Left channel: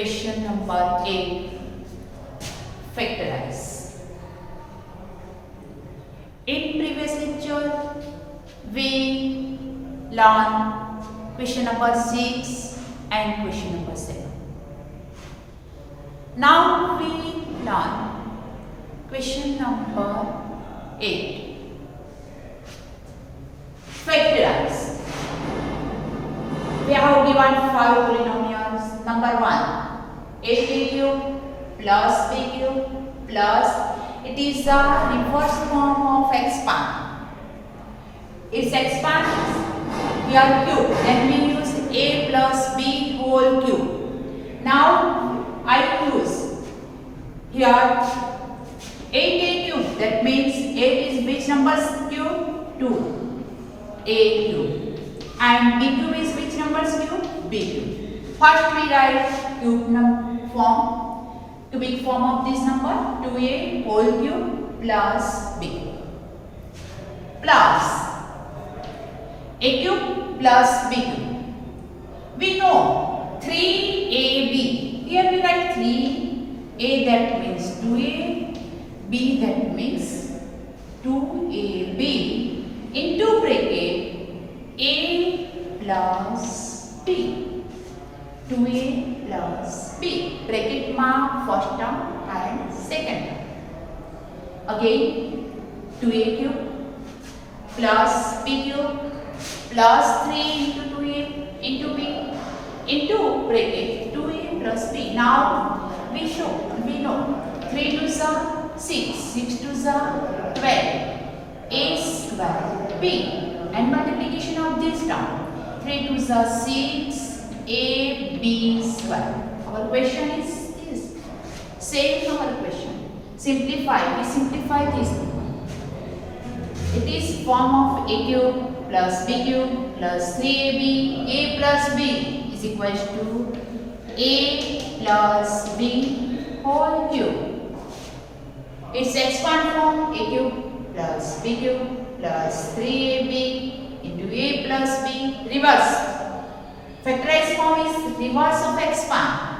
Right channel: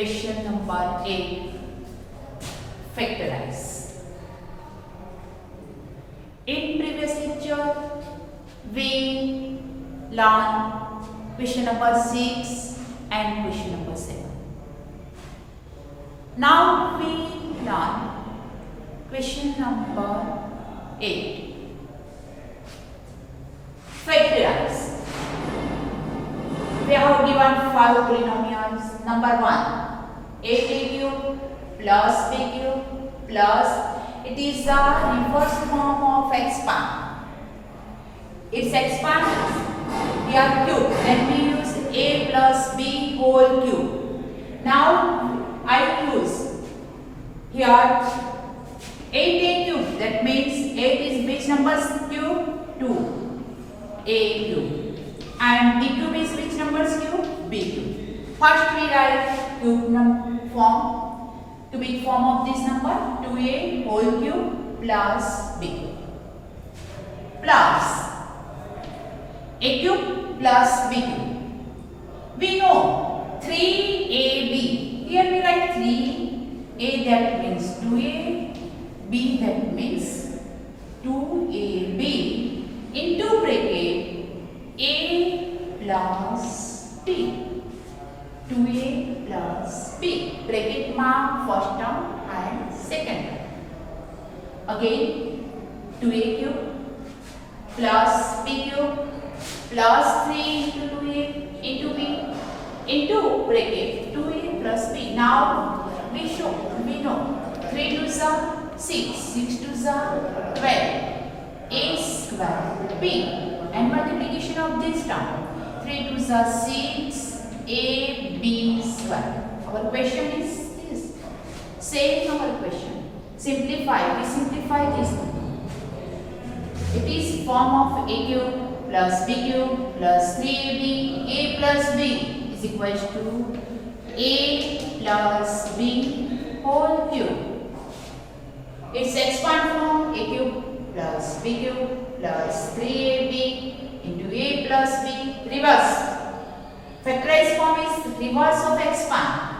Question number 8. Factorize. In previous lecture, we learned question number 6 and question number 7. Now we learn question number 8. Factorize. We have given 5 polynomials. Number 1, a cube plus b cube plus, it is the reverse form of expand. Its expand is here cube, then we use a plus b whole cube. Now I use here 8a cube, that means 8 is which number's cube? 2, a cube, and b cube is which number's cube? B cube. First we write cube form, cubic form of this number, 2a whole cube plus b cube plus a cube plus b cube. We know 3ab. Here we write 3a, that means 2a, b that means 2ab into bracket a plus b. 2a plus b, bracket mark first term and second term. Again 2a cube plus b cube plus 3 into 2a into b into bracket 2a plus b. Now we know 3 to the 6, 6 to the 12, a square b, and multiplication of this term 3 to the 6 ab square. Our question is this. Same our question. Simplify. We simplify this. It is form of a cube plus b cube plus 3ab. A plus b is equals to a plus b whole cube. Its expand form a cube plus b cube plus 3ab into a plus b. Reverse. Factorized form is reverse of expand.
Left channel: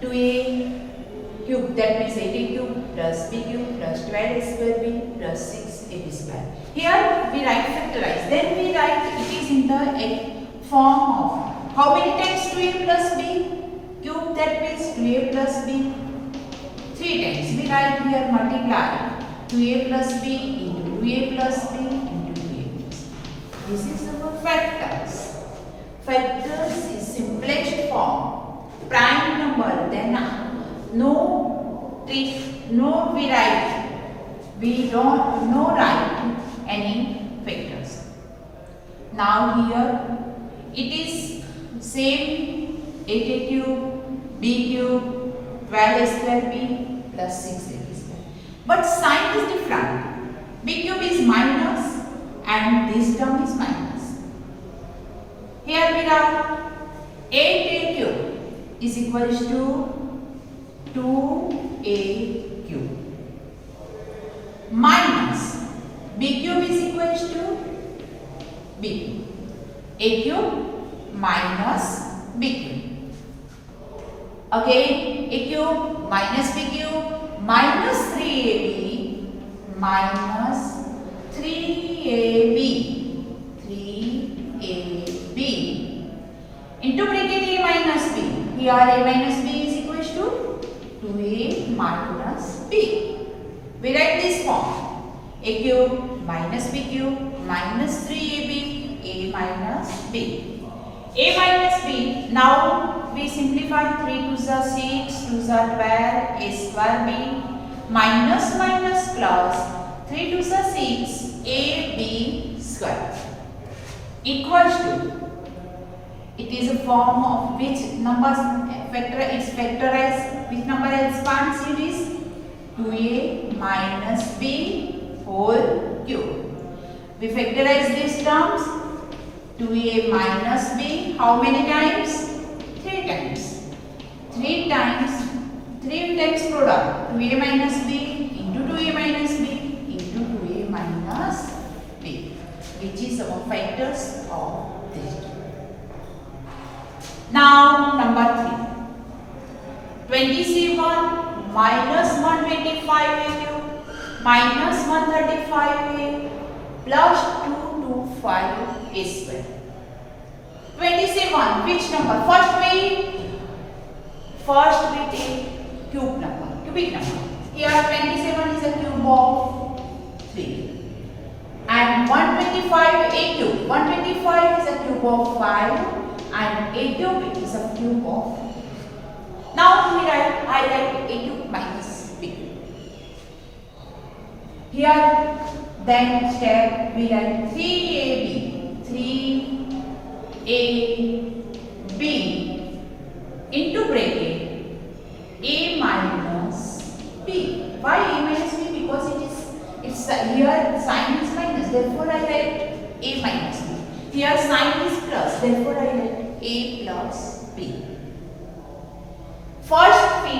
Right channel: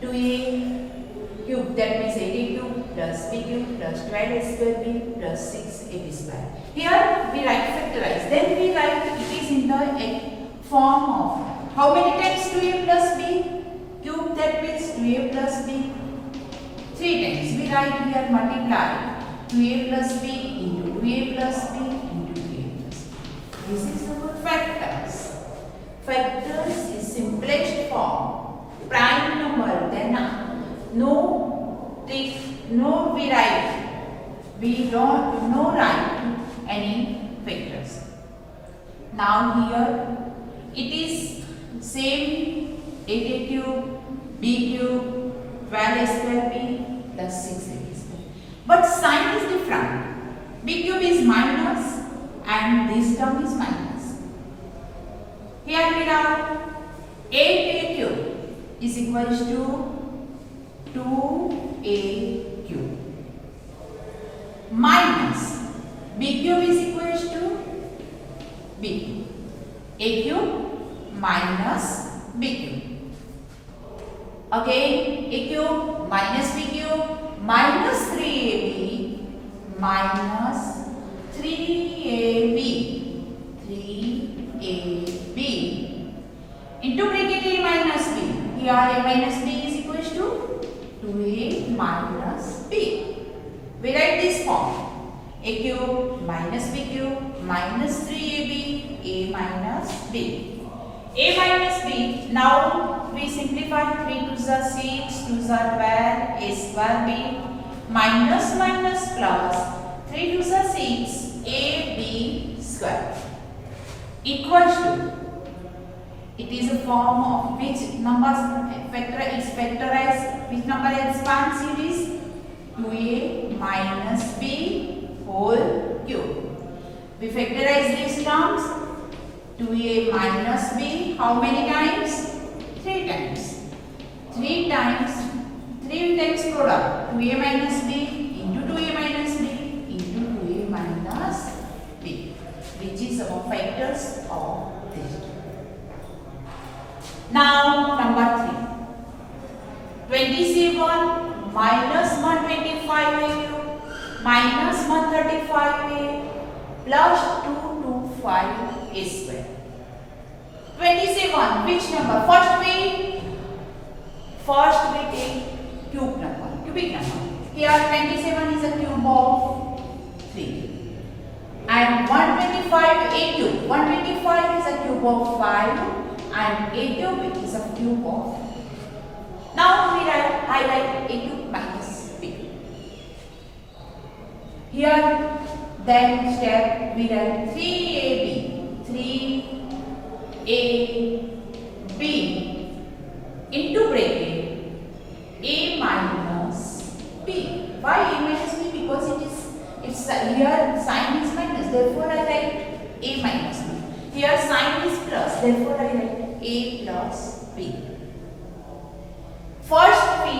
2a cube, that means 8a cube plus b cube plus 12a square b plus 6ab square. Here we write factorize. Then we write it is in the form of how many times 2a plus b cube, that means 2a plus b 3 times. We write here multiply 2a plus b into 2a plus b into 2a plus b. This is our factors. Factors is simplest form. Prime number, then we don't write any factors. Now here it is same 8a cube, b cube, 12a square b plus 6ab square. But sign is different. B cube is minus and this term is minus. Here we have 8a cube is equals to 2a cube minus b cube is equals to b cube. A cube minus b cube. Again a cube minus b cube minus 3ab minus 3ab into bracket a minus b. Here a minus b is equals to 2a minus b. We write this form. A cube minus b cube minus 3ab a minus b. A minus b. Now we simplify 3 to the 6 to the 12 a square b minus minus plus 3 to the 6 ab square equals to, it is a form of which numbers factor is factorized, which number expands series 2a minus b whole cube. We factorize these terms 2a minus b how many times? 3 times. 3 times product 2a minus b into 2a minus b into 2a minus b, which is our factors of this. Now number 3. 27 minus 125a cube minus 135a plus 225a square. 27, which number? First we take cubic number. Here 27 is a cube of 3. And 125 a cube. 125 is a cube of 5 and a cube is a cube of. Now I write a cube minus b cube. Here then step we write 3ab. 3ab into bracket a minus b. Why a minus b? Because it's here sign is minus, therefore I write a minus b. Here sign is plus, therefore I write a plus b. First we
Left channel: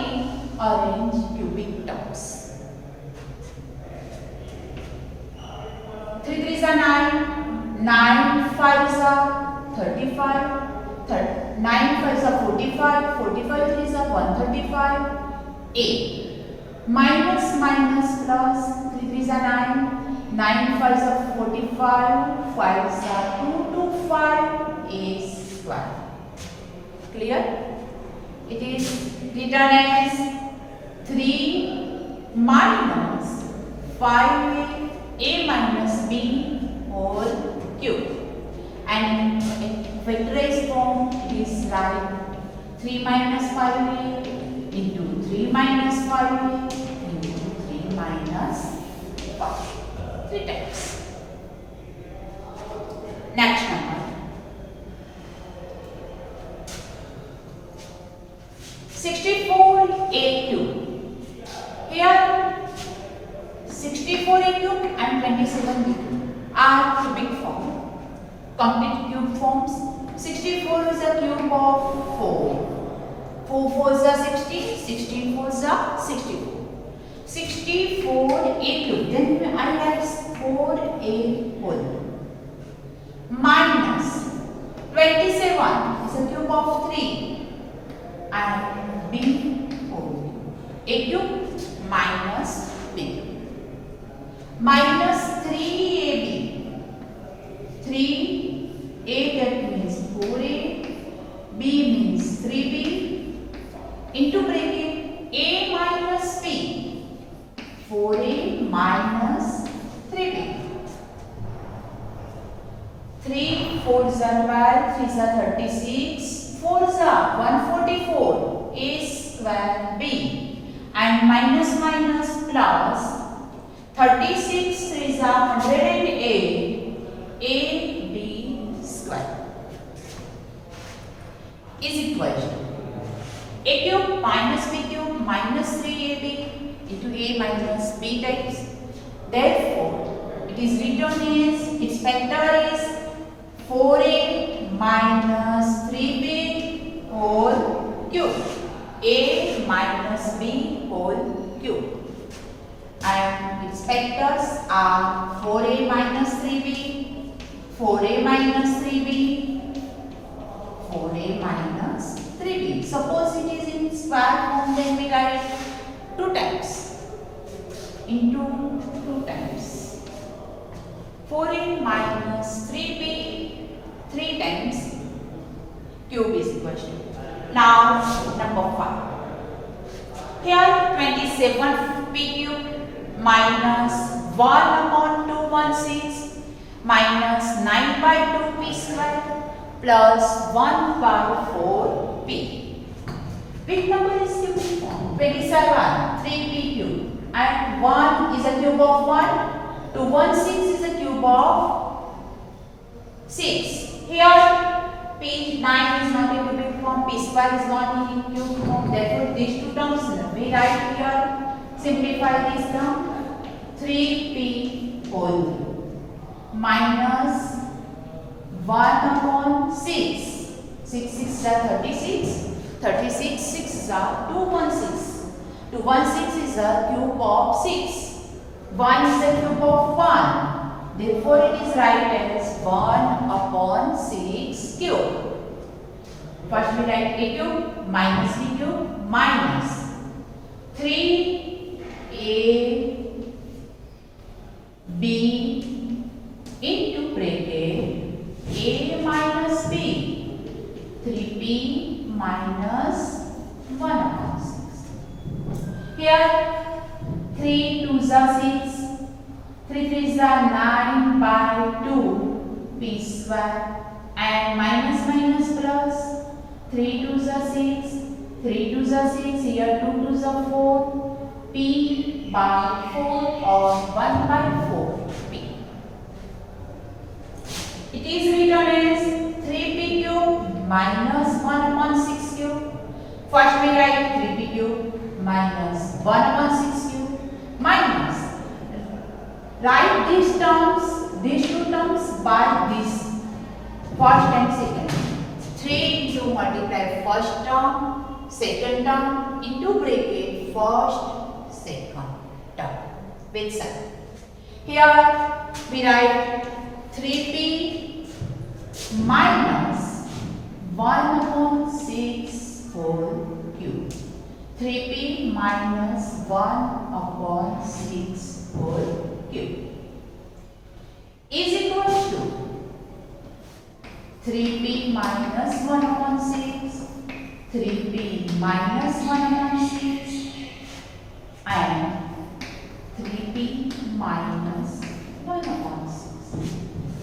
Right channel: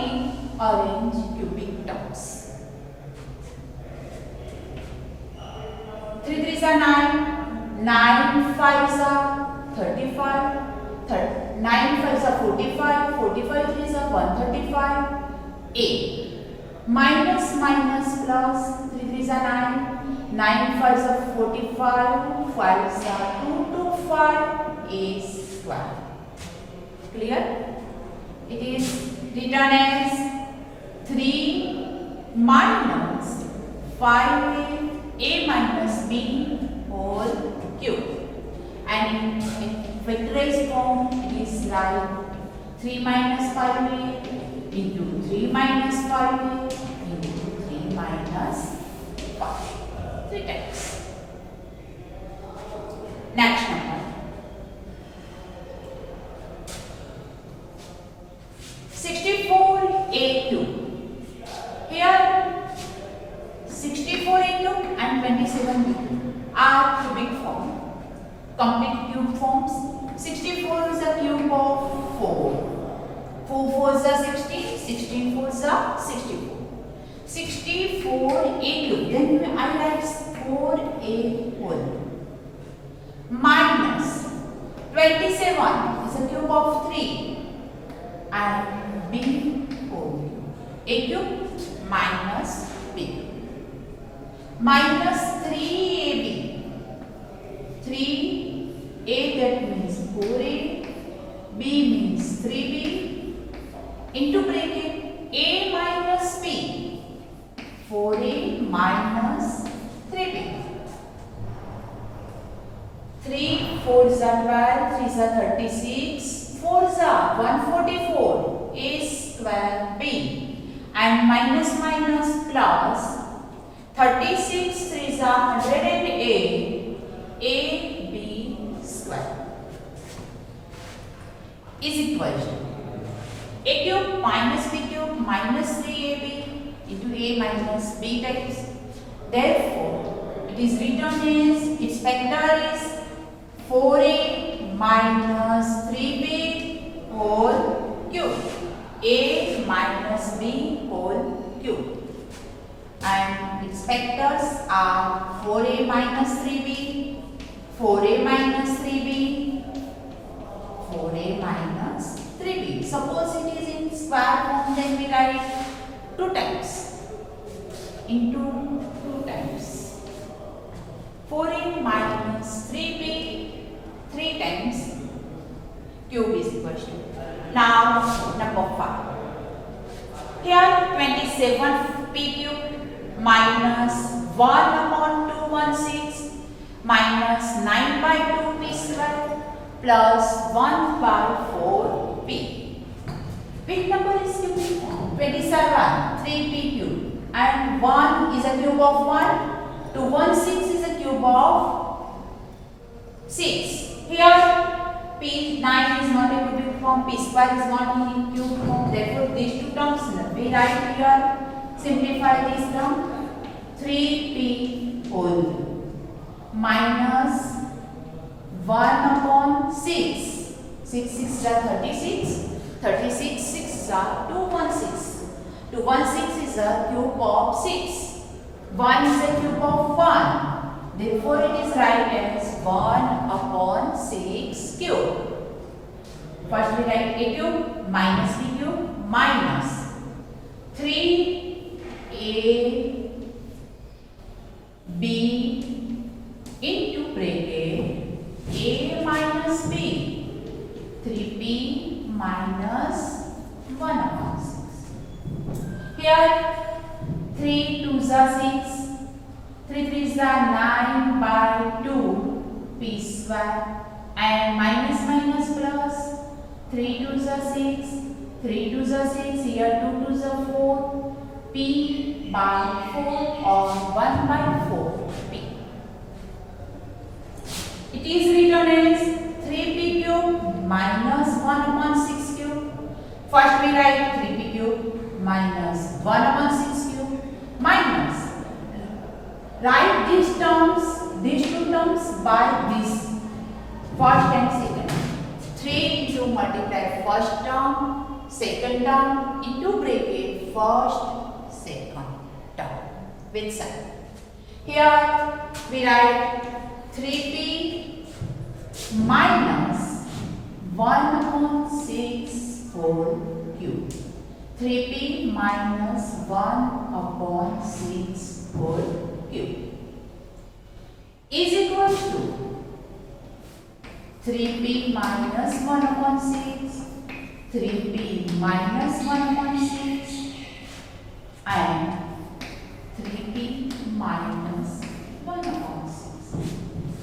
arrange cubic terms. 3 3s are 9, 9 5s are 35, 9 5s are 45, 45 3s are 135, a. Minus minus plus 3 3s are 9, 9 5s are 45, 5s are 225, a square. Clear? It is written as 3 minus 5a minus b whole cube. And in factorized form it is like 3 minus 5a into 3 minus 5a into 3 minus 5. 3 times. Next number. 64a cube. Here 64a cube and 27a cube are cubic form. Complete cube forms. 64 is a cube of 4. 4 4s are 16, 16 4s are 64. 64a cube. Then I write 4a whole. Minus 27 is a cube of 3 and b whole cube. A cube minus b. Minus 3ab. 3a that means 4a, b means 3b into bracket a minus b. 4a minus 3b. 3 4s are 12, 3s are 36, 4s are 144, a square b. And minus minus plus 36 3s are 108, ab square is equal to a cube minus b cube minus 3ab into a minus b times. Therefore, it is written as its factor is 4a minus 3b whole cube. A minus b whole cube. And its factors are 4a minus 3b, 4a minus 3b, 4a minus 3b. Suppose it is in square form, then we write 2 times into 2 times. 4a minus 3b 3 times cube is equal to. Now number 5. Here 27p cube minus 1 upon 216 minus 9 by 2p square plus 1 by 4p. Which number is cubic form? 27, 3p cube and 1 is a cube of 1, 216 is a cube of 6. Here p9 is not a cubic form, p square is not in cube form, therefore these two terms we write here, simplify this term, 3p whole minus 1 upon 6, 6 6 are 36, 36 6 are 216, 216 is a cube of 6, 1 is a cube of 1, therefore it is write as 1 upon 6 cube. First we write a cube minus b cube minus 3ab into bracket a minus b, 3b minus 1 upon 6. Here 3 2s are 6, 3 3s are 9 by 2 p square, and minus minus plus 3 2s are 6, 3 2s are 6, here 2 2s are 4, p by 4 or 1 by 4 p. It is written as 3p cube minus 1 upon 6 cube. First we write 3p cube minus 1 upon 6 cube minus. Write these terms, these two terms by this first and second. 3 into multiply first term, second term into bracket first, second term with sign. Here we write 3p minus 1 upon 6 whole cube. 3p minus 1 upon 6 whole cube is equal to 3p minus 1 upon 6, 3p minus 1 upon 6 and 3p minus 1 upon 6.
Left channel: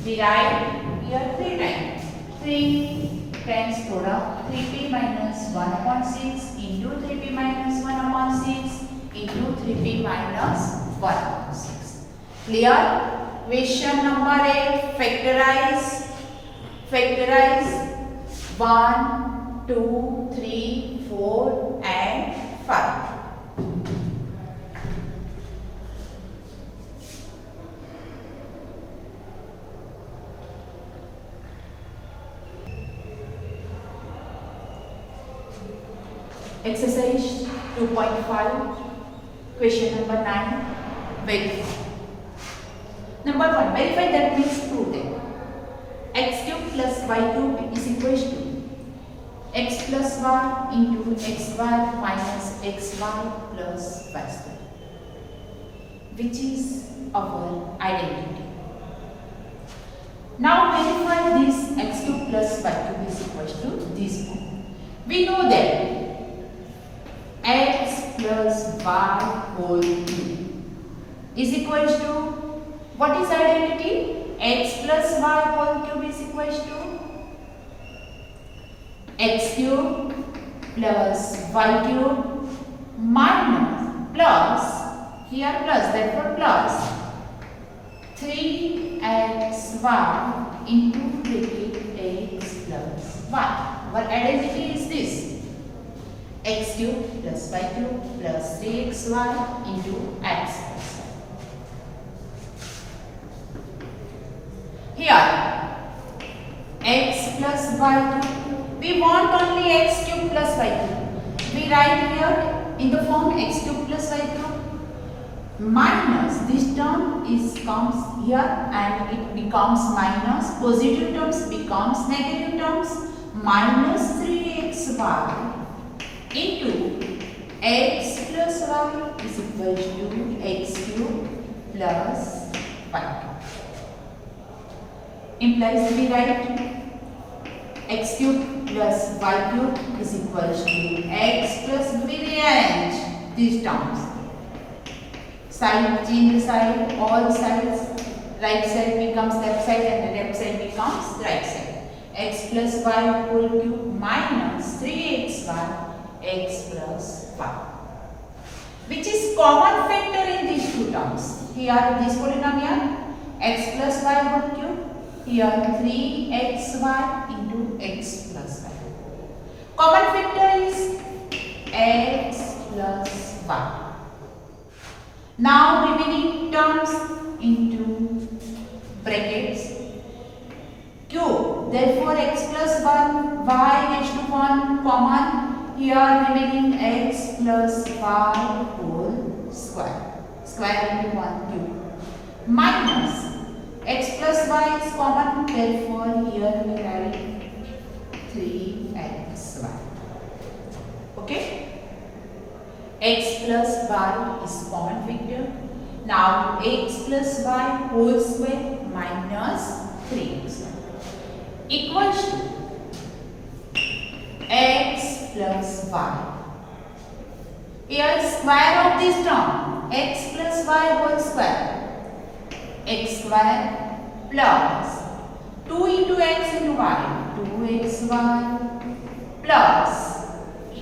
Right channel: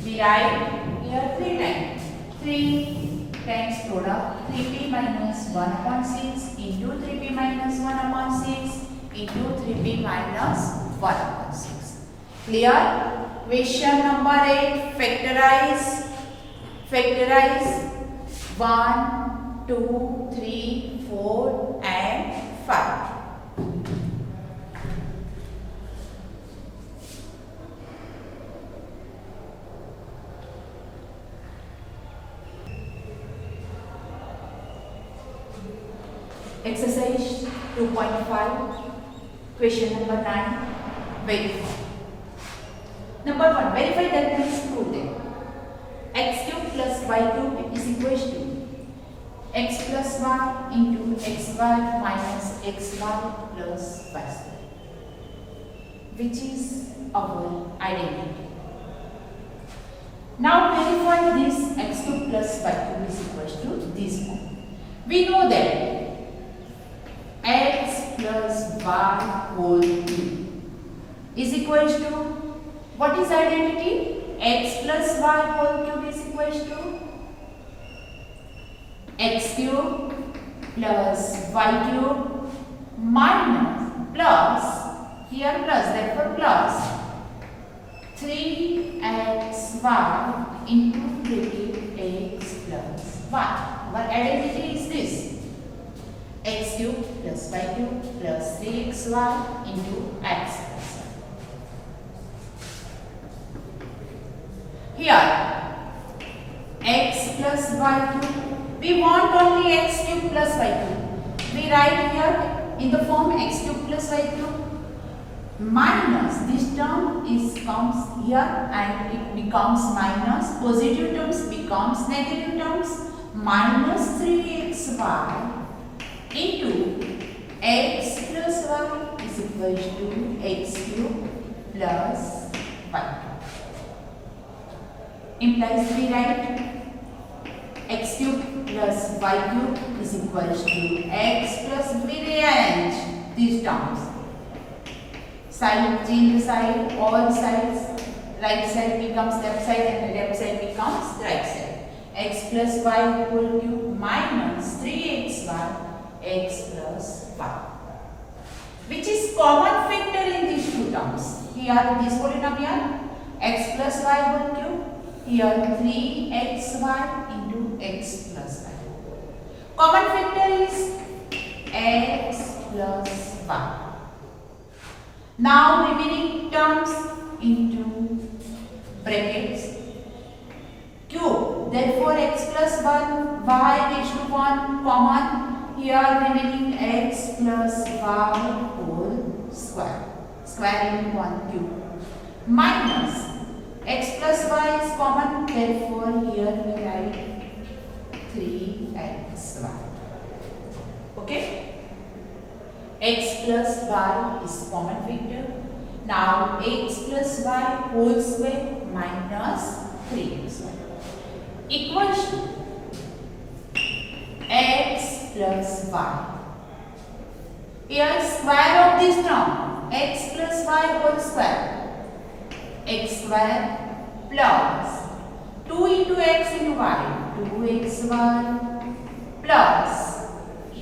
We write here 3 times. 3 times product 3p minus 1 upon 6 into 3p minus 1 upon 6 into 3p minus 1 upon 6. Clear? Question number 8. Factorize. Factorize 1, 2, 3, 4 and 5. Exercise 2.5, question number 9. Verify. Number 1, verify that means prove that x cube plus y cube is equal to x plus y into xy minus xy plus y square, which is our identity. Now verify this x cube plus y cube is equal to this one. We know that x plus y whole cube is equal to, what is identity? X plus y whole cube is equal to x cube plus y cube minus plus, here plus, therefore plus 3xy into bracket x plus y. Our identity is this: x cube plus y cube plus 3xy into x plus y. Here x plus y cube, we want only x cube plus y cube. We write here in the form x cube plus y cube minus this term is comes here and it becomes minus, positive terms becomes negative terms, minus 3xy into x plus y is equal to x cube plus y. Implies we write x cube plus y cube is equal to x plus, we rearrange these terms. Side, change the side, all sides, right side becomes left side and the left side becomes right side. X plus y whole cube minus 3xy x plus y, which is common factor in these two terms. Here this polynomial x plus y whole cube, here 3xy into x plus y. Common factor is x plus y. Now remaining terms into brackets cube. Therefore x plus 1, y next to 1 common. Here remaining x plus y whole square. Square into 1 cube. Minus x plus y is common. Therefore here we write 3xy. Okay. x plus y is common factor. Now x plus y whole square minus 3xy equals to x plus y. Here square of this term x plus y whole square, x square plus 2 into x into y, 2xy plus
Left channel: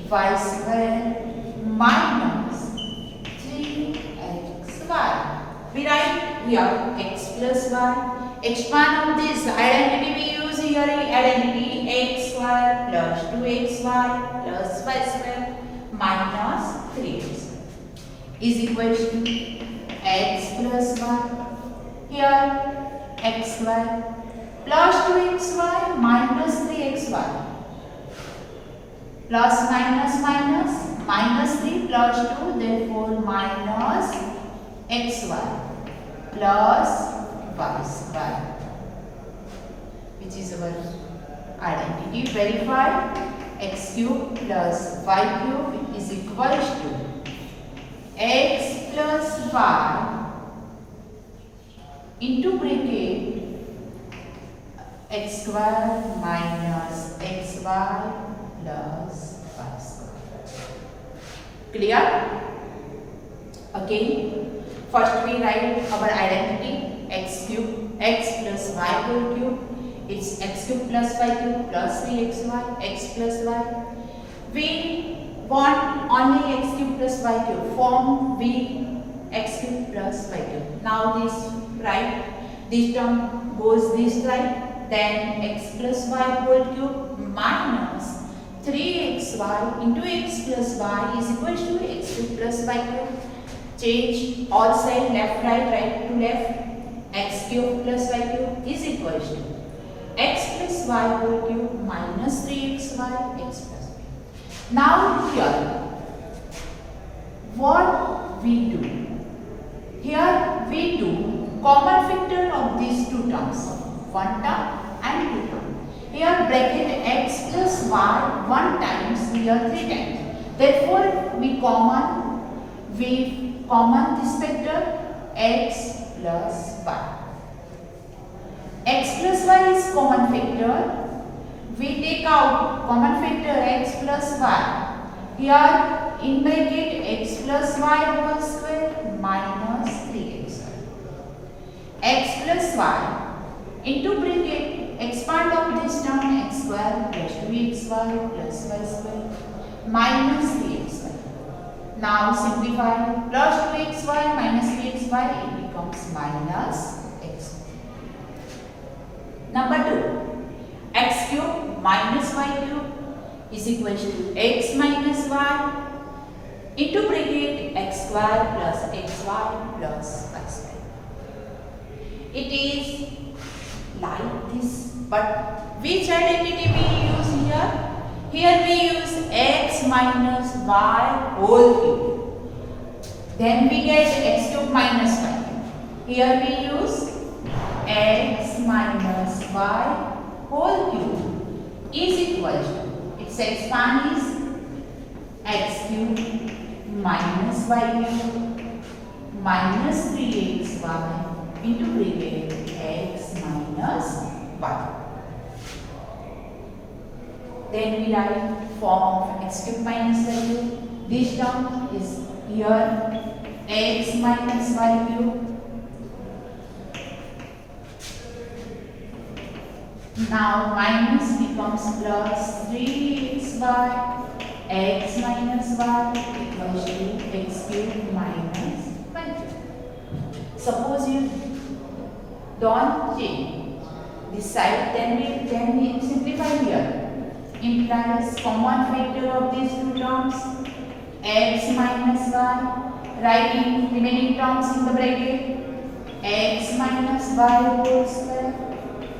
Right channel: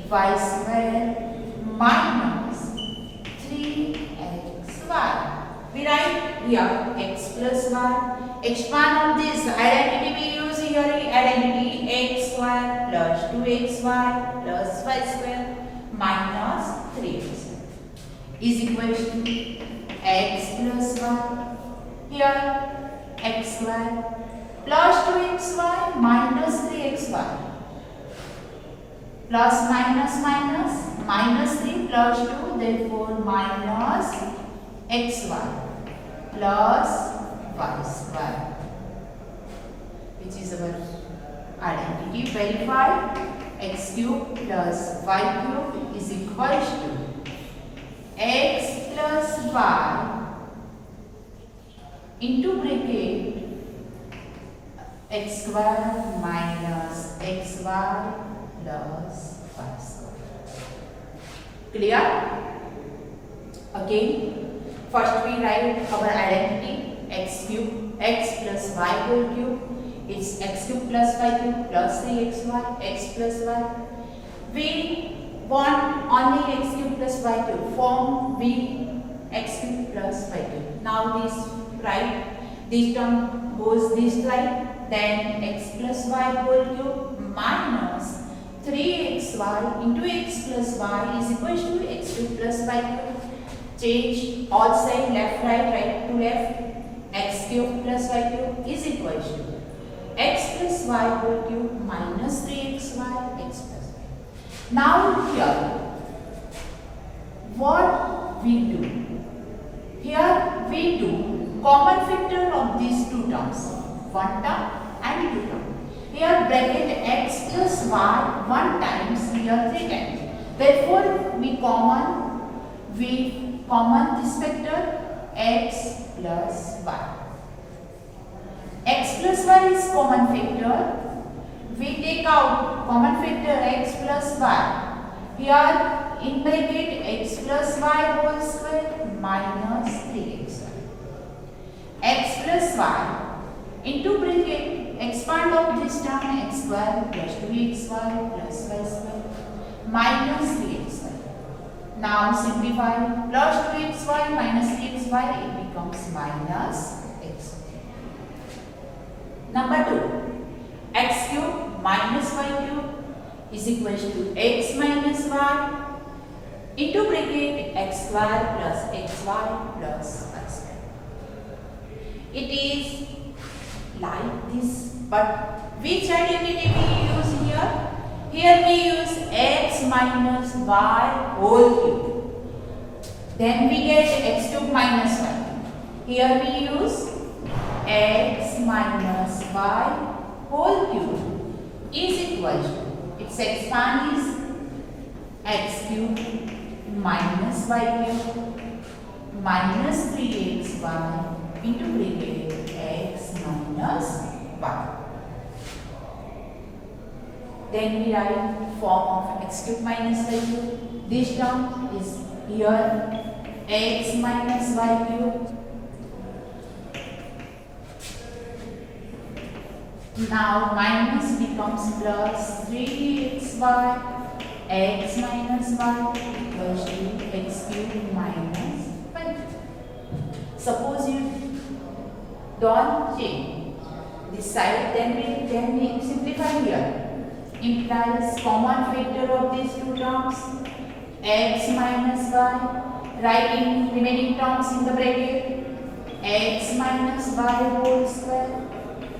y square minus 3xy. We write here x plus y. Expand on this identity we use here, identity x square plus 2xy plus y square minus 3x is equal to x plus y. Here x square plus 2xy minus 3xy plus minus minus minus 3 plus 2, therefore minus xy plus y square, which is our identity verified. X cube plus y cube is equal to x plus y into bracket x square minus xy plus y square. Clear? Again, first we write our identity x cube, x plus y whole cube. It's x cube plus y cube plus 3xy, x plus y. We want only x cube plus y cube. Form v x cube plus y cube. Now this right, this term goes this side. Then x plus y whole cube minus 3xy into x plus y is equal to x cube plus y cube. Change all side, left right, right to left. X cube plus y cube is equal to x plus y whole cube minus 3xy x plus y. Now here, what we do? Here we do common factor of these two terms, one term and two terms. Here bracket x plus y 1 times, here 3 times. Therefore we common this factor x plus y. X plus y is common factor. We take out common factor x plus y. Here in bracket x plus y whole square minus 3xy. X plus y into bracket expand of this term x square plus 2xy plus y square minus 3xy. Now simplify, plus 2xy minus 3xy, it becomes minus x. Number 2, x cube minus y cube is equal to x minus y into bracket x square plus xy plus y square. It is like this, but which identity we use here? Here we use x minus y whole cube. Then we get x cube minus y cube. Here we use x minus y whole cube is equal to, its expand is x cube minus y cube minus 3xy into bracket x minus y. Then we write form of x cube minus y cube. This term is here x minus y cube. Now minus becomes plus 3xy, x minus y equals to x cube minus y cube. Suppose you don't change this side, then we simplify here. Implies common factor of these two terms x minus y, writing remaining terms in the bracket x minus y whole square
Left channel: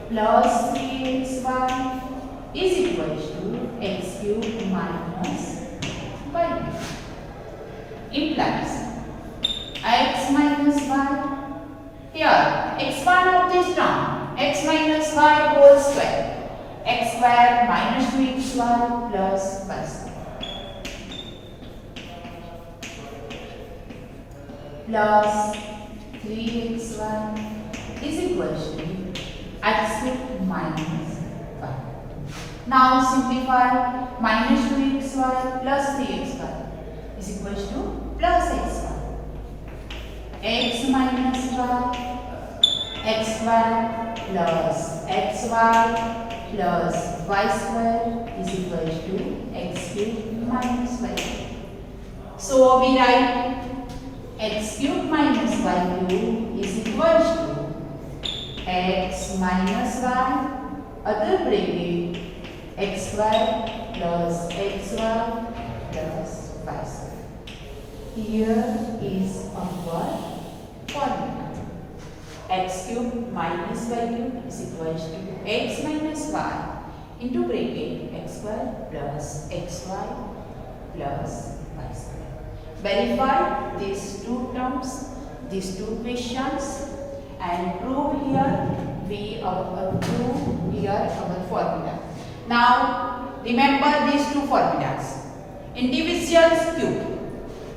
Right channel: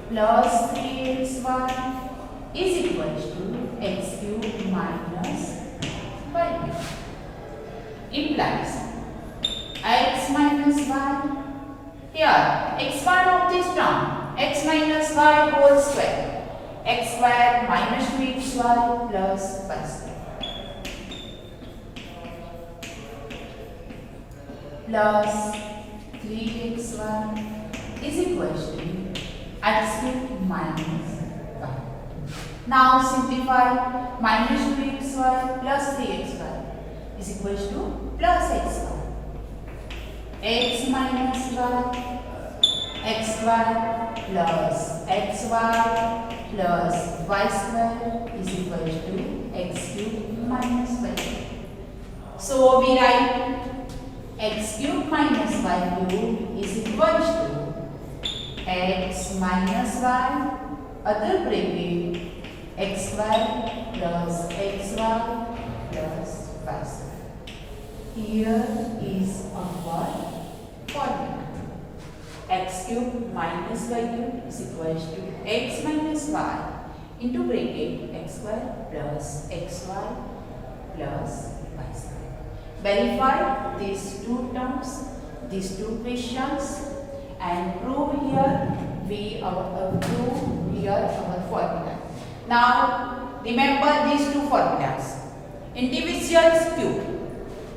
plus 3xy is equal to x cube minus y cube. Implies x minus y, here expand of this term x minus y whole square, x square minus 2xy plus y square. plus 3xy is equals to x cube minus 5. Now simplify. Minus 2xy plus 3xy is equals to plus xy. X minus y, xy plus xy plus y square is equals to x cube minus y. So we write x cube minus y cube is equals to x minus y, other bracket, x square plus xy plus y square. Here is our formula. X cube minus y cube is equals to x minus y into bracket x square plus xy plus y square. Verify these two terms, these two questions, and prove here our formula. Now remember these two formulas. Individuals cube.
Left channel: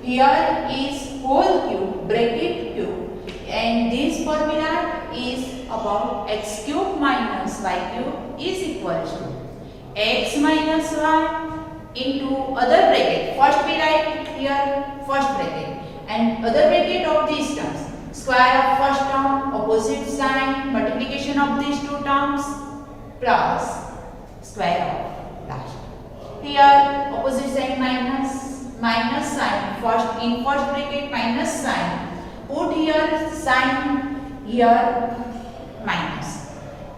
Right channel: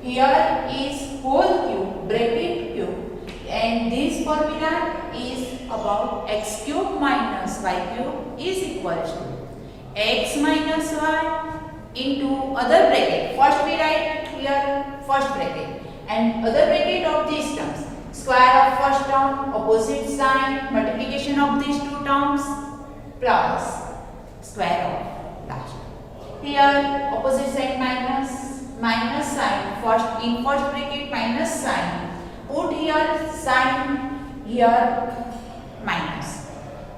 Here is whole cube, bracket cube, and this formula is about x cube minus y cube is equal to x minus y into other bracket. First we write here first bracket and other bracket of these terms. Square of first term, opposite sign, multiplication of these two terms plus square of last. Here opposite sign minus sign, first in first bracket minus sign, put here sign, here minus,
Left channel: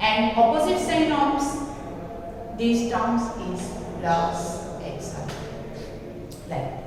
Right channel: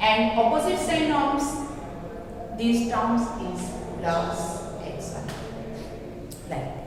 and opposite sign of these terms is plus xy. Like